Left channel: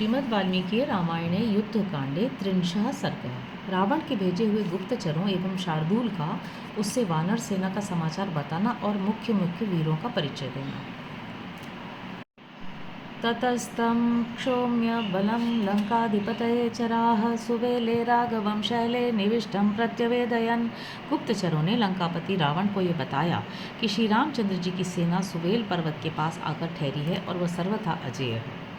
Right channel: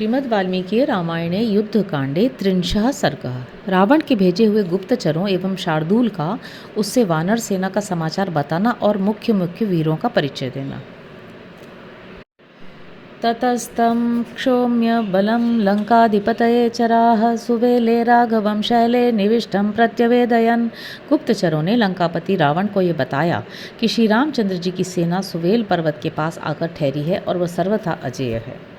श्रीमद् वाल्मीकि रामायणे युद्धकांडे त्रिंशः सर्गः। रावण के भेजे हुए गुप्तचरों एवं शार्दूल का उससे वानर सेना का समाचार बताना और मुख्य मुख्य वीरों का परिचय देना। ततस्तं क्षोम्य बलं लंकाधिपतये चराः सुवेले राघवं शैले निविष्टं प्रत्यवेदयन्। गुप्तचरों ने लंकापति रावण को ये बताया कि श्री रामचंद्र जी की सेना सुवेल पर्वत के पास आकर ठहरी है और वह सर्वथा अजेय है।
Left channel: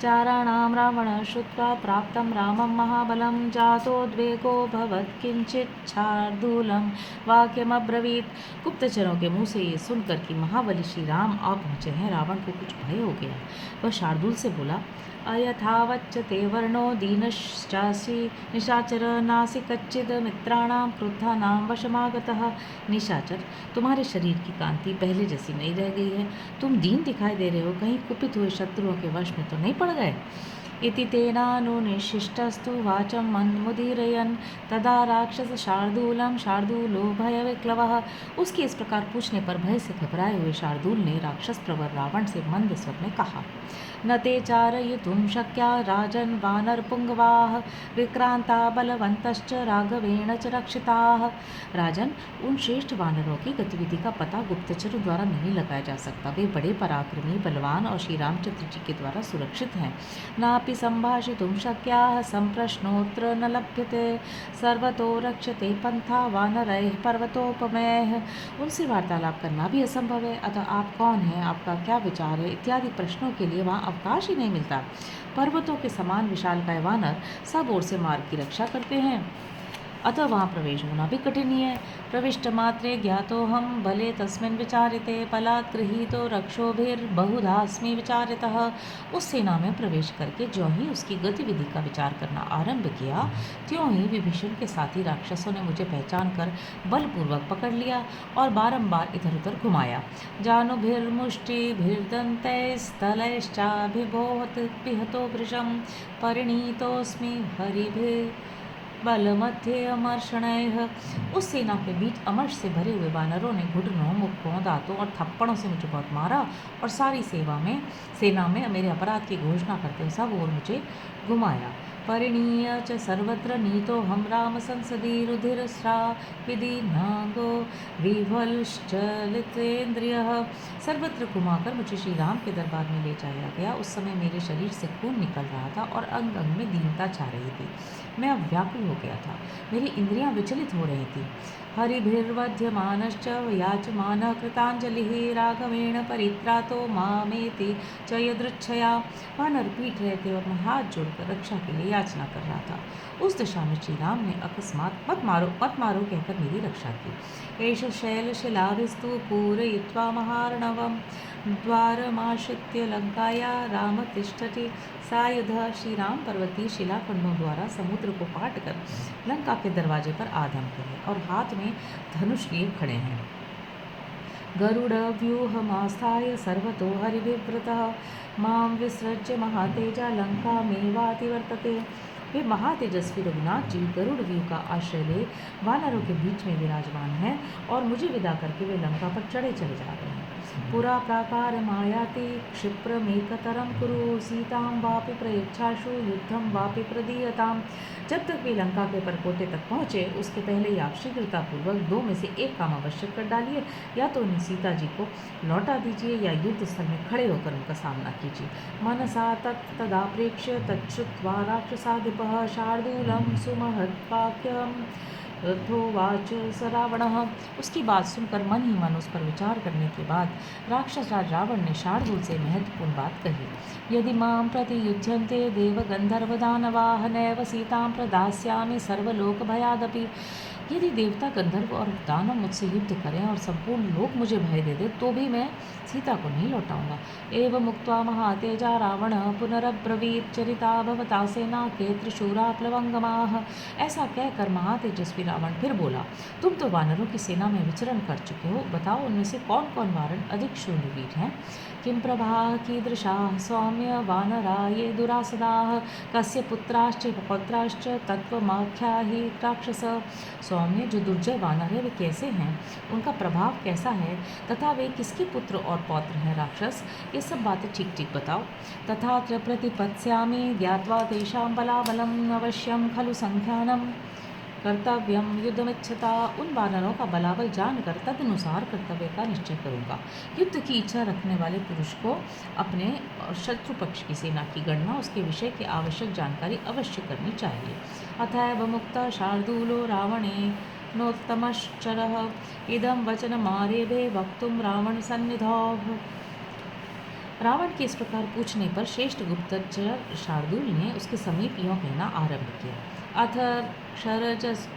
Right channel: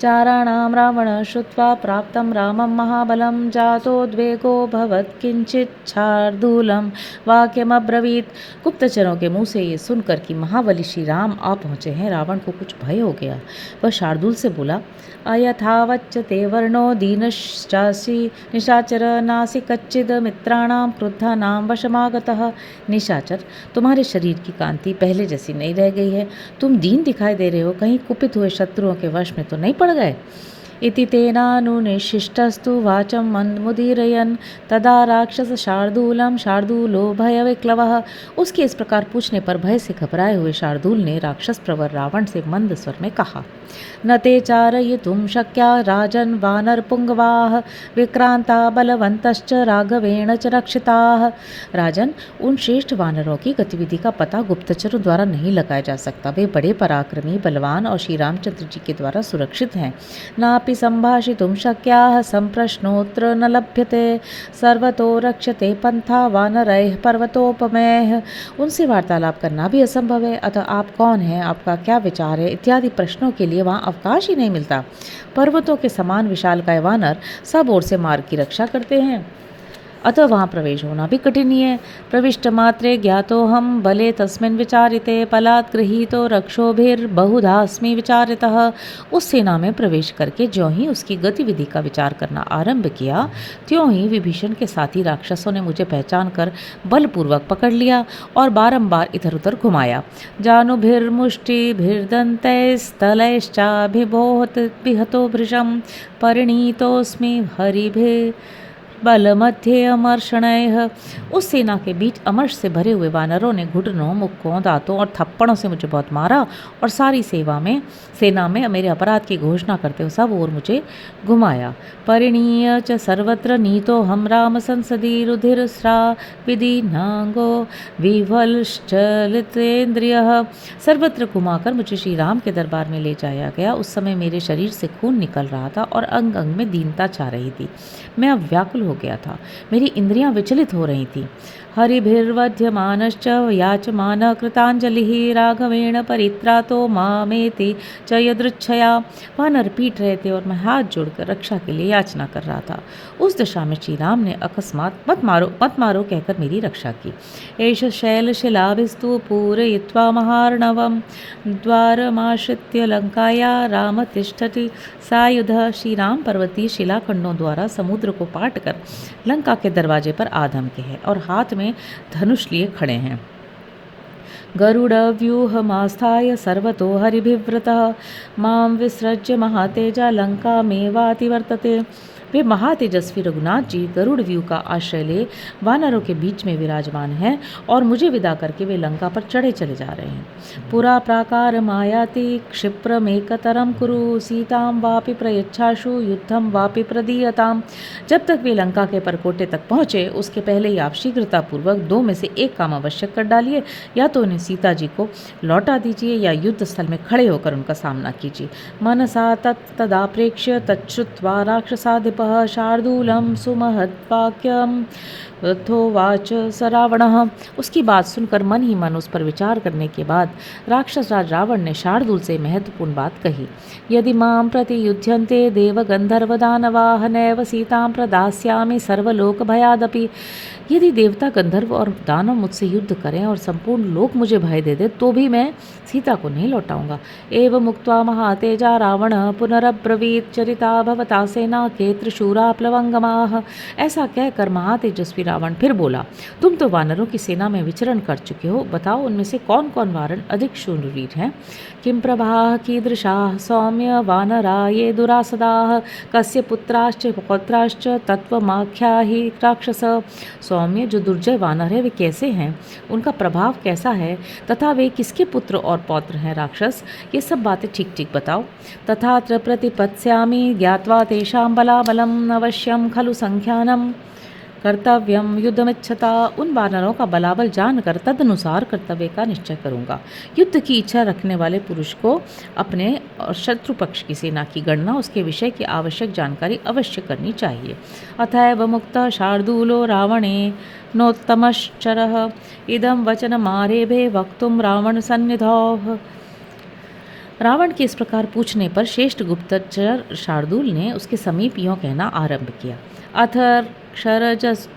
चाराणां रावण श्रुत्वा प्राप्तं रामं महाबलं जातोद्वेगोऽभवत् किंचित् शार्दूलं वाक्यमब्रवीत्। गुप्तचरों के मुँह से ये सुनकर कि महाबली श्री राम आ पहुँचे हैं, रावण को कुछ भय हो गया। वह शार्दूल से बोला, अयथावच्च ते वर्णो दीनश्चासि निशाचर नासि कच्चिद मित्राणां क्रुद्धानां वशमागतः। निशाचर, तुम्हारे शरीर की कांति पहले जैसी नहीं रह गई है, तुम दीन दिखाई दे रहे हो, कहीं कुपित हुए शत्रुओं के वश में तो नहीं पड़ गए। इति तेनानुनिशिष्टस्तु वाचं मन्दमुदीरयन् तदा राक्षस शार्दूलं शार्दूलो भयविक्लवः। उसके इस प्रकार पूछने पर भय से घबराए हुए शार्दूल ने राक्षस प्रवर रावण से मंद स्वर में कहा, न ते चारयितुं शक्या राजन् वानरपुंगवाः विक्रांता बलवन्तश्च राघवेण च रक्षिताः। राजन, उन श्रेष्ठ वानरों की गतिविधि का पता गुप्तचरों द्वारा नहीं लगाया जा सकता। वे बड़े पराक्रमी, बलवान और श्री रामचंद्र जी के द्वारा सुरक्षित हैं। नापि संभाषितुं शक्याः संप्रश्नोऽत्र न लभ्यते सर्वतो रक्षते पंथा वानरैः पर्वतोपमैः। उनसे वार्तालाप करना भी असंभव है। अतः आप कौन हैं, आपका क्या विचार है इत्यादि प्रश्नों के लिए वहाँ अवकाश ही नहीं मिलता। पर्वतों के समान विशालकाय वानर सब ओर से मार्ग की रक्षा करते हैं, अतः वहाँ प्रवेश होना भी कठिन ही है। प्रविष्ट मात्रे ज्ञातो हम बले तस्मिन् विचारिते पलात् गृहीतो रक्षोभिर्बहुधास्मि विचारितः। उस सेना में प्रवेश करके ज्यों ही उसकी गतिविधि का विचार करना आरंभ किया, त्यों ही विभीषण के साथी राक्षसों ने मुझे पहचान कर बलपूर्वक पकड़ लिया और बारंबार इधर उधर घुमाया। जानुभीर्मुष्टिभिर्दन्तैस्तलैश्चाभिबोहत विहतो भृशं परिणीतोऽस्मि हरिभिः बलमध्ये अमर्षणैः। उस सेना के बीच अमर्ष से भरे हुए वानरों ने घुटनों, मुक्कों, दांतों और थप्पड़ों से मुझे बहुत मारा और सारी सेना में मेरे अपराध की घोषणा करते हुए सब ओर मुझे घुमाया। परिणीय च सर्वत्र नीतो हम राम संसदि रुधिरस्रा विदीर्णांगो विवलश्चलितेन्द्रियः। सर्वत्र घुमाकर मुझे श्री राम के दरबार में ले जाया गया। उस समय मेरे शरीर से खून निकल रहा था और अंग अंग में दीनता छा रही थी। मैं अब व्याकुल हो गया था, मेरी इंद्रियां विचलित हो रही थी। हरिभिर्वध्यमानश्च याचमान कृतांजलिः राघवेण परित्रातो मामेति च यदृच्छया। वानर पीट रहे थे और मैं हाथ जोड़कर रक्षा के लिए याचना कर रहा था। उस दशा में श्री राम ने अकस्मात मत मारो कहकर मेरी रक्षा की। एष शैलशिलाभिस्तु पूरयित्वा महार्णवं द्वारमाश्रित्य लंकाया राम तिष्ठति सायुधः। श्री राम पर्वतीय शिलाखंडों द्वारा समुद्र को पाट कर लंका के दरवाजे पर आधम के हैं और हाथ में धनुष लिए खड़े हैं। गरुडव्यूहमास्थाय सर्वतो हरिभिव्रतः मां विसृज्य महातेजा लंकामेवातिवर्तते। वे महातेजस्वी रघुनाथ जी गरुड़ व्यू का आश्रय ले वानरों के बीच में विराजमान हैं और मुझे विदा करके वे लंका पर चढ़े चले जा रहे हैं। पुरा प्राकार मायाति क्षिप्रमेकतरं कुरु सीतां वापि प्रयच्छाशु युद्धं वापि प्रदीयताम्। जब तक वे लंका के परकोटे तक पहुँचे उसके पहले ही आप शीघ्रतापूर्वक दो में से एक काम अवश्य कर डालिए, या तो उन्हें सीता जी को लौटा दीजिए या युद्ध स्थल में खड़े होकर उनका सामना कीजिए। मनसा तदा प्रेक्ष्य तच्छ्रुत्वा राक्षसाधिपः शार्दूलं सुमहद्वाक्यं तथोवाच स रावणः। उसकी बात सुनकर मन ही मन उस पर विचार करने के बाद राक्षस राज रावण ने शार्दूल से महत्वपूर्ण बात कही। यदि मां प्रति युध्यन्ते देव गंधर्व दानवाः नैव सीतां प्रदास्यामि सर्वलोक भयादपि। यदि देवता, गंधर्व और दानव मुझसे युद्ध करें और संपूर्ण लोक मुझे भय दे दे तो भी मैं सीता को नहीं लौटाऊंगा। एवं मुक्त्वा महातेजा रावण पुनरब्रवीत चरिता भवता सेना के त्रिशूरा प्लवंगमाः। ऐसा कहकर महातेजस्वी रावण फिर बोला, तुम तो वानरों की सेना में विचरण कर चुके हो, बताओ उनमें से कौन कौन वानर अधिक शूरवीर हैं। किं प्रभाः कीदृशाः सौम्य वानरा ये दुरासदाः कस्य पुत्राश्च पौत्राश्च तत्त्वमाख्याहि राक्षस। सौम्य जो दुर्जय वानर है वे कैसे हैं, उनका प्रभाव कैसा है तथा वे किसके पुत्र और पौत्र हैं राक्षस, ये सब बातें ठीक ठीक बताओ। तथात्र प्रतिपत्स्यामि ज्ञात्वा तेषां बलाबलम् अवश्यम खलु संख्यानम कर्तव्यम युद्धमिच्छता। उन वानरों का बलाबल जानकर तदनुसार कर्तव्य का निश्चय करूंगा। युद्ध की इच्छा रखने वाले पुरुष को अपने और शत्रु पक्ष की सेना की गणना, उसके विषय की आवश्यक जानकारी अवश्य करनी चाहिए। अतएव मुक्त शार्दूलो रावणे नोत्तमश्चरः इदं वचनमारेभे वक्तुं रावण सन्निधौ। रावण के इस प्रकार पूछने पर श्रेष्ठ गुप्तचर शार्दूल ने उसके समीप यूँ कहना आरंभ किया। अथर्क्षरजसः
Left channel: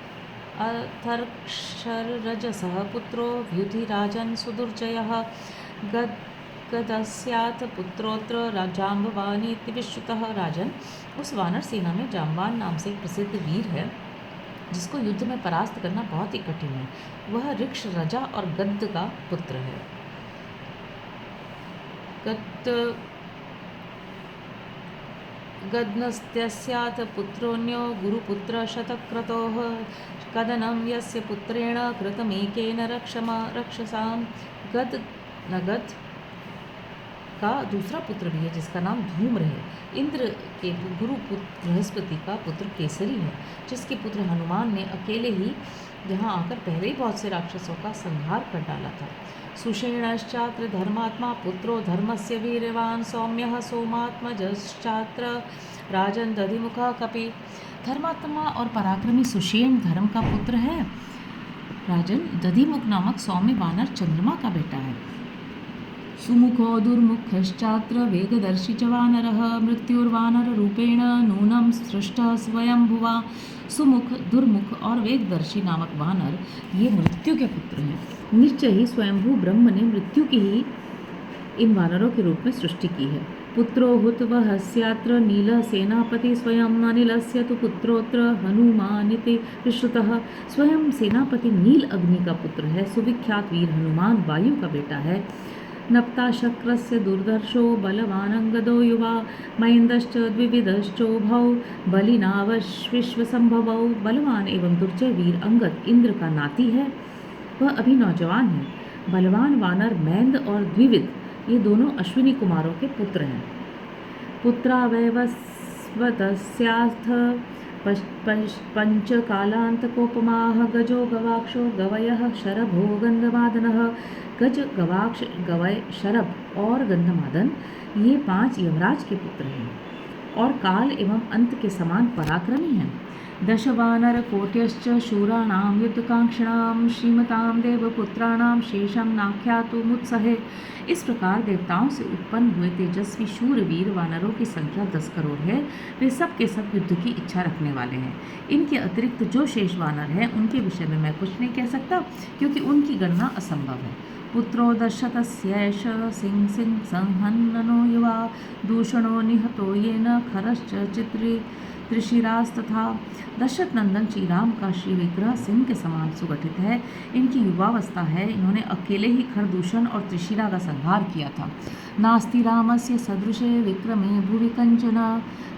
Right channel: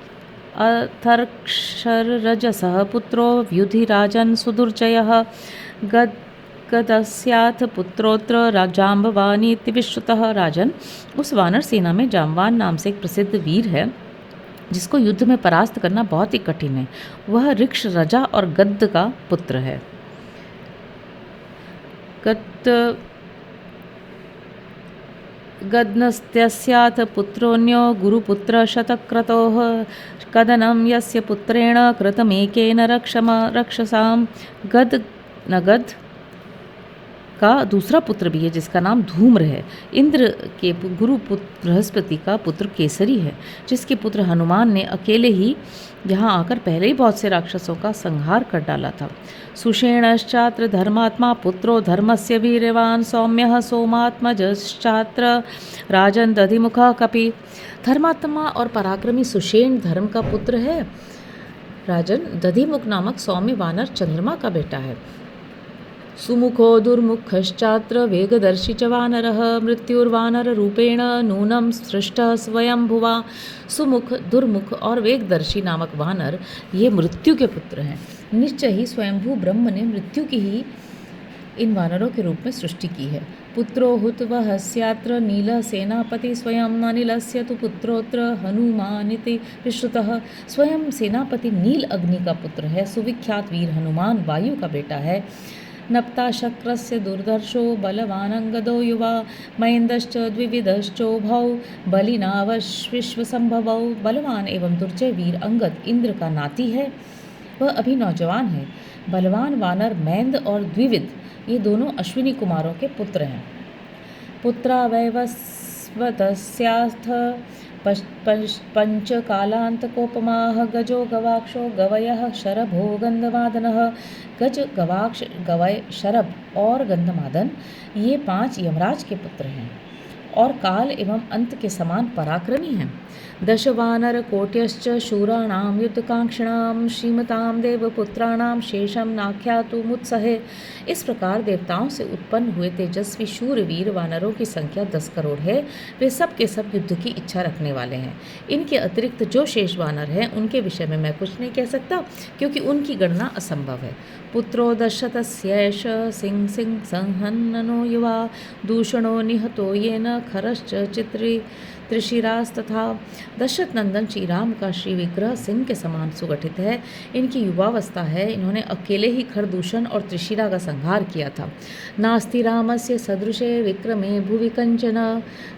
पुत्रो व्युधिराजन् सुदुर्जयः गदस्याथ पुत्रोत्र जाम्बवानीति विश्रुतः। राजन, उस वानर सेना में जाम्बान नाम से एक प्रसिद्ध वीर है जिसको युद्ध में परास्त करना बहुत ही कठिन है। वह ऋक्ष रजा और गद्द का पुत्र है। गद्नस्त्यस्याथ पुत्रोऽन्यो गुरुपुत्र शतक्रतोः कदनं यस्य पुत्रेण कृतमेकेन रक्षसां। गद नगद का दूसरा पुत्र भी है जिसका नाम धूम्र है। इंद्र के गुरु पुत्र बृहस्पति का पुत्र केसरी है, जिसके पुत्र हनुमान ने अकेले ही यहाँ आकर पहले ही बहुत से राक्षसों का संहार कर डाला था। सुषेणश्चात्र धर्मात्मा पुत्रो धर्मस्य वीर्यवान सौम्यः सोमात्मजश्चात्र राजन दधिमुखः कपि। धर्मात्मा और पराक्रमी सुषेण धर्म का पुत्र है। राजन, दधिमुख नामक सौम्य वानर चंद्रमा का बेटा है। सुमुखो दुर्मुखश्चात्र वेगदर्शी च वानरः मृत्युर्वानर रूपेण नूनं सृष्टः स्वयंभुवा। सुमुख, दुर्मुख और वेगदर्शी नामक वानर ये मृत्यु के पुत्र हैं। निश्चय ही स्वयंभू ब्रह्म ने मृत्यु की ही इन वानरों के रूप में सृष्टि की है। पुत्रो हुतवहस्यात्र नील सेनापति स्वयं अनिलस्य तु पुत्रोत्र हनुमानिति विश्रुतः। स्वयं सेनापति नील अग्नि का पुत्र है। सुविख्यात वीर हनुमान वायु का बेटा है। नप्ताशक्रस्य दुर्धर्षो बलवानंगदो युवा महेन्द्रश्च द्विविधश्चोभौ बलिनावश्विश्वसंभवौ। बलवान एवं दुर्जय वीर अंगद इंद्र का नाती है। वह अभी नौजवान है। बलवान वानर मैंद और द्विविध ये दोनों अश्विनी कुमारों के पुत्र हैं। पुत्रावैवस्वतस्याथ पंचकालांतकोपमाः गजो गवाक्षो गवयः शरभो गंधमादनः। गज, गवाक्ष, गवय, शरभ और गंधमादन ये 5 यमराज के पुत्र हैं और काल एवं अंत के समान पराक्रमी हैं। दशवानर कोट्यश्च शूराणां युद्धकांक्षिणां श्रीमतां देवपुत्राणां शेषम नाख्यातुमुत्सहे। इस प्रकार देवताओं से उत्पन्न हुए तेजस्वी शूरवीर वानरों की संख्या 10 करोड़ है। वे सब के सब युद्ध की इच्छा रखने वाले हैं। इनके अतिरिक्त जो शेष वानर हैं उनके विषय में मैं कुछ नहीं कह सकता, क्योंकि उनकी गणना असंभव है। पुत्रो दशरथस्यैष सिंह सिंह संहननो युवा दूषणो निहतो येन खरश्च त्रिशिरास्तथा। दशरथ नंदन श्री राम का श्री विग्रह सिंह के समान सुगठित है। इनकी युवावस्था है। इन्होंने अकेले ही खरदूषण और त्रिशिरा का संहार किया था। नास्ति रामस्य सदृशे विक्रमे भुवि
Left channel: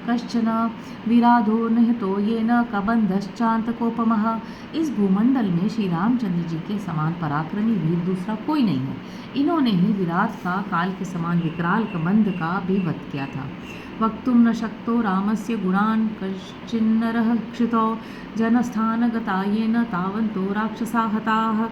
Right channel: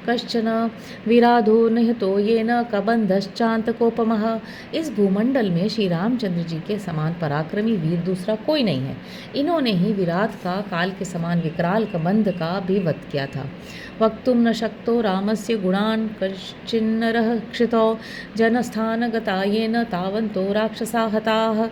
कश्चन विराधो निहतो येन कबंधश्चान्तकोपमः। इस भूमंडल में श्री रामचंद्र जी के समान पराक्रमी वीर दूसरा कोई नहीं है। इन्होंने ही विराट का काल के समान विकराल कबंध का भी वध किया था। वक्तुं न शक्तो रामस्य गुणान् कश्चिन्नरः क्षितौ जनस्थानगता येन तावन्तो राक्षसा हताः।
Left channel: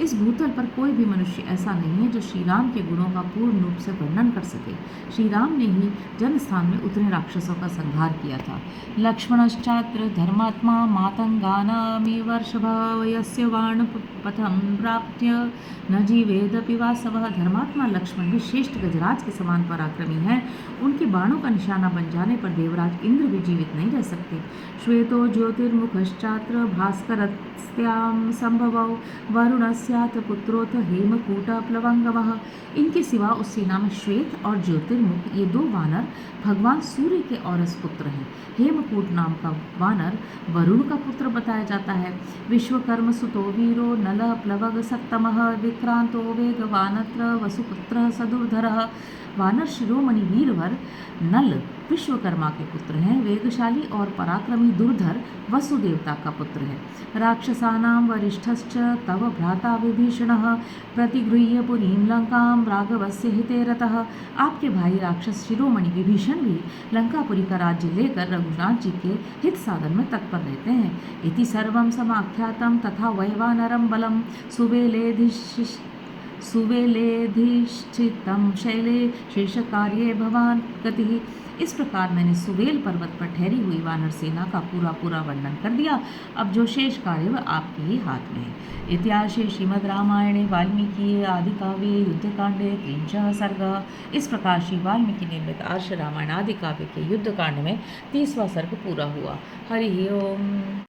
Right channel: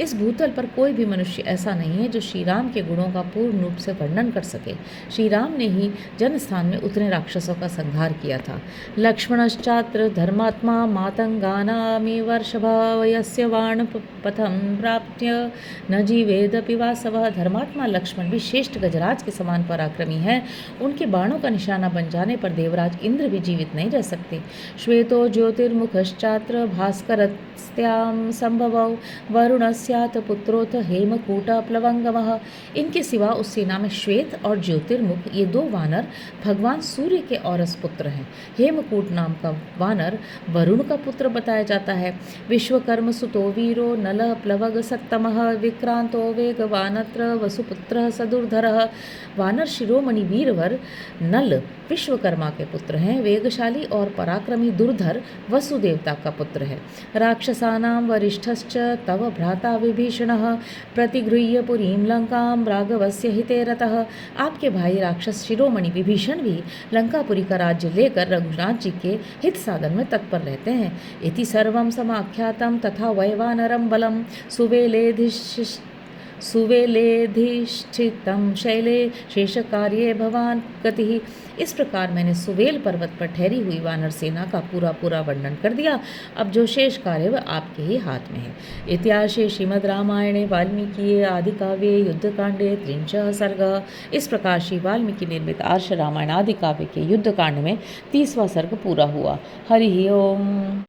इस भूतल पर कोई भी मनुष्य ऐसा नहीं है जो श्री राम के गुणों का पूर्ण रूप से वर्णन कर सके। श्री राम ने ही जनस्थान में उतने राक्षसों का संहार किया था। लक्ष्मणश्चात्र धर्मात्मा मातंगानामिवर्षभवयस्य वाणपथं प्राप्य न जीवेदपि वासवः। धर्मात्मा लक्ष्मण भी श्रेष्ठ गजराज के समान पराक्रमी हैं। उनके बाणों का निशाना बन जाने पर देवराज इंद्र भी जीवित नहीं रह सकते। श्वेतो ज्योतिर्मुखश्चात्र भास्करस्त्यां संभवौ वरुणस्य पुत्रोथ हेमकूट प्लवंगमः। इनके सिवा उस सेना में श्वेत और ज्योतिर्मुख ये 2 वानर भगवान सूर्य के औरस पुत्र हैं। हेमकूट नाम का वानर वरुण का पुत्र बताया जाता है। विश्वकर्म सुतो वीरो नल प्लवग सत्तमः विक्रांतो वेगवानत्र वसुपुत्र सदुर्धरः। वानर शिरोमणि वीरवर नल विश्वकर्मा के पुत्र हैं। वेगशाली और पराक्रमी दुर्धर वसुदेवता का पुत्र है। राक्षसानां वरिष्ठश्च तव भ्राता विभीषणः प्रतिगृह्य पुरीं लंकां राघवस्य हिते रतः। आपके भाई राक्षस शिरोमणि विभीषण भी लंकापुरी का राज्य लेकर रघुनाथ जी के हित साधन में तत्पर रहते हैं। इति सर्वं समाख्यातं तथा वैवानरं बलं सुवेलेधिष्ठितं शैले शेषकार्ये भवान गतिः। इस प्रकार मैंने सुवेल पर्वत पर ठहरी हुई वानर सेना का पूरा वर्णन कर दिया। अब जो शेष कार्य वह आपके ही हाथ में है। इतिहासे श्रीमद् रामायणे वाल्मीकि आदि काव्ये युद्धकांडे 3 सर्ग। इस प्रकार श्री वाल्मीकि निर्मित आर्ष रामायण आदि काव्य के युद्धकांड में 30वां सर्ग पूरा हुआ। हरि ओम।